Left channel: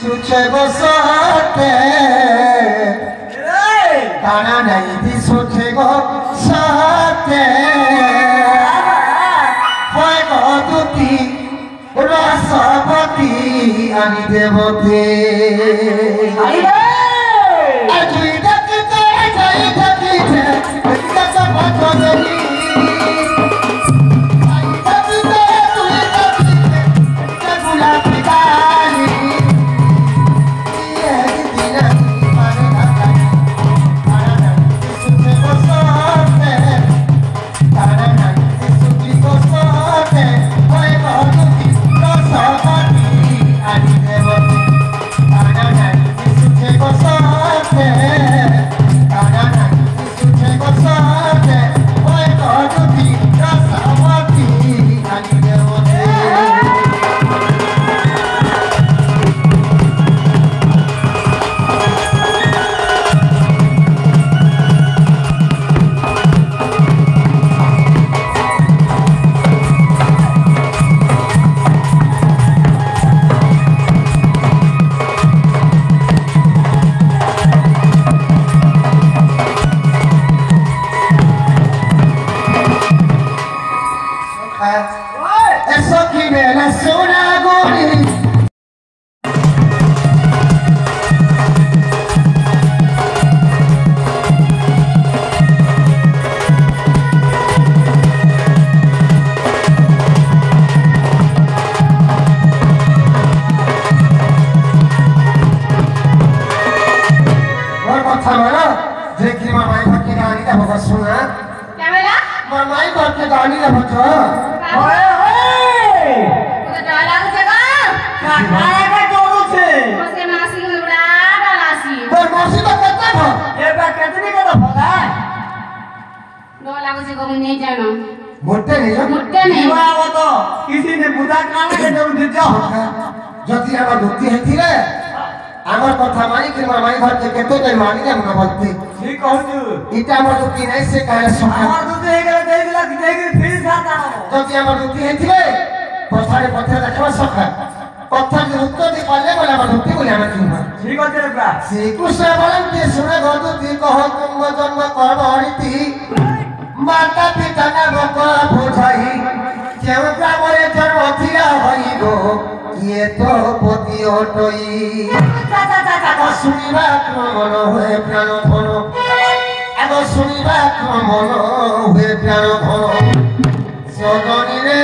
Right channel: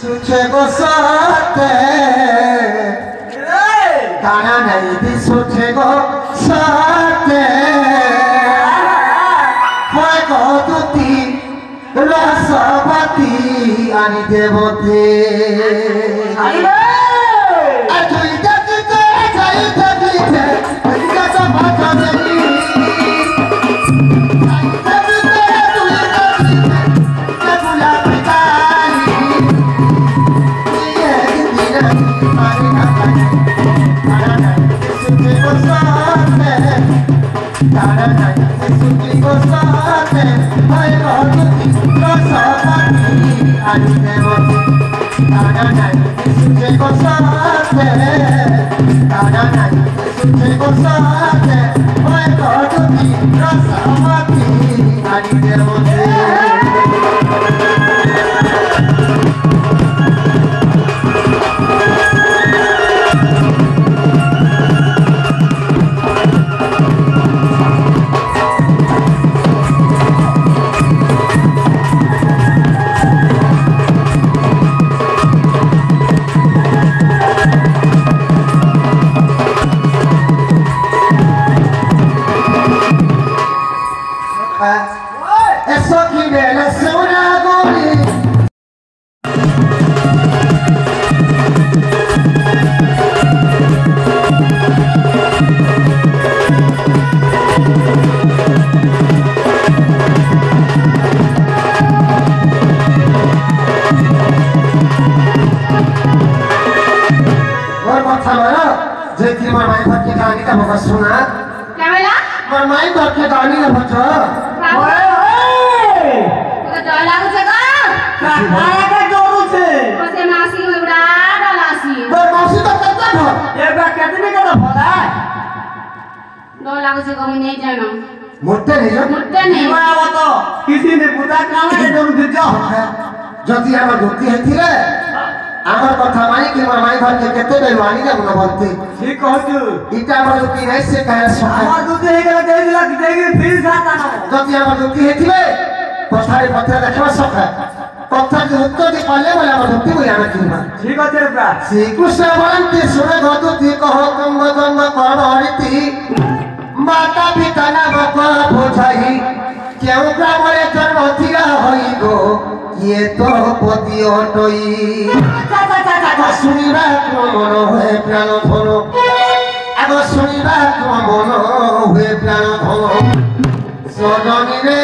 सुचे गोसाते ताना नहीं दी सुचे गोसाते होए गोदुती रसवती आनी देवते माता पिता ने बकला बोझाई क्यों ग्रामरे जन्म थिरा होइगो ये तो पति अटई सुनिबा मन हुए प्राण धन आग सुनिबा मन हुए प्राण धन सजनी रे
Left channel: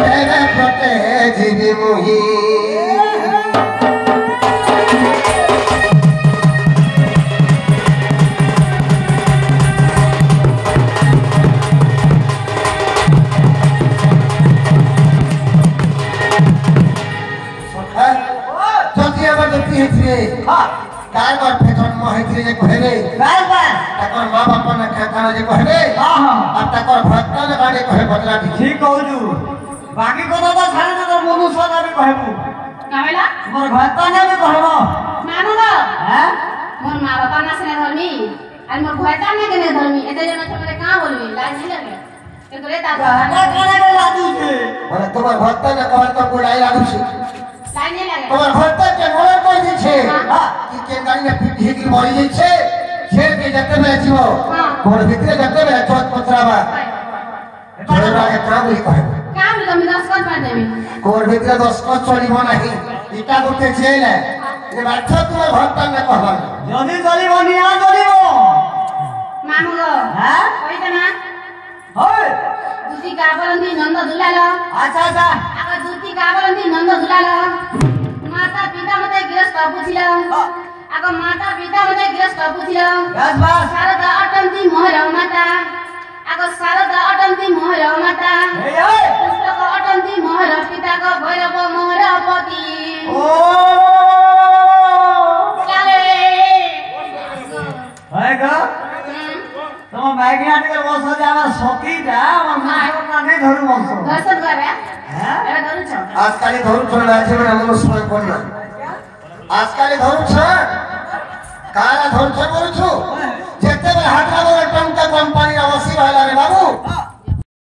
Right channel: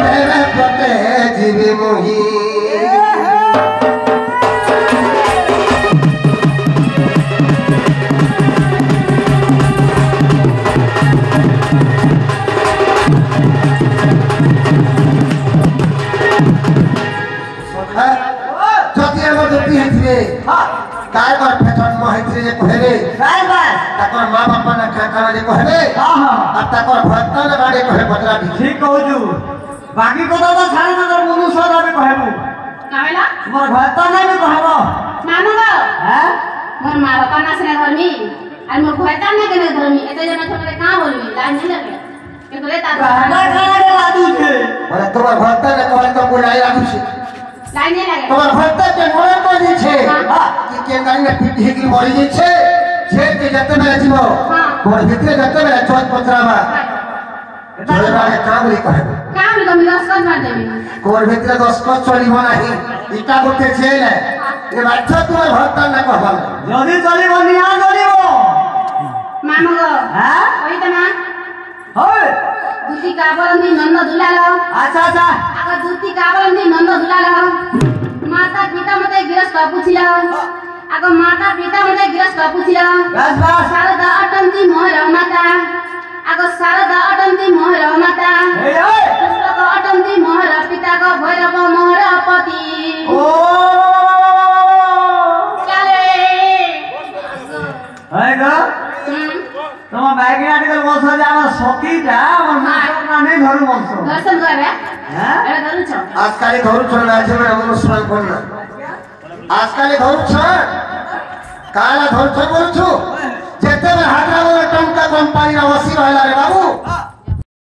तेरे प्रते जीवी मुही बाकी को तो छाड़ी तो मुनु सदा भी कहबू कामेला मोर भत्ता ना भी कहबो मानो ना हैं मोर मां बाप ना से धर्मी और मोर भत्ता ना के धर्मी एते जना थोड़े का बोलबी लाइन नहीं लगे के तोरे ता भत्ता खाना के लादू छे बोले तोर भत्ता ना कहल तो बुलाई लादू छे लाइन नहीं लगे तोर भत्ता के मोर कोई छे कि के काई ना पीठी की मरी छे जेल के जते में जीवो मोर भीतर जते में चौथ पत्रावा तोरे बारे काम नहीं कहबो कोर भीतर 10 को चलिब नाही इटा गोटे जेल है ये बात तुम भक्ता न कहबा जदी चलिब निया चलिब मानो हां ओई त ना होय दूती काबलंदी नंद दुलालो अच्छा अच्छा आका दूती काबलंदी नंद दुलालो माता पिता मते गिरस कापुछिला आका माता पिता मते गिरस कापुछिला बस बस शारदा अटंती मोहर माता आका शारदा अटंती मोहर माता ए अटंती मोहर पिता को भैरव मोहर पति ओ चले हैगा तम बैगनाटिकल वंश जामा सतीटा मन ना नहीं धरु वंश दर्शन करे हां एला धरु छ आजकाल धरु छ राज्य में हम स्नान करना आजकाल धरु छ काला धरु छ बोलु छु जेते हाटरा टंका कंपनी अवश्य रहला रे बाबू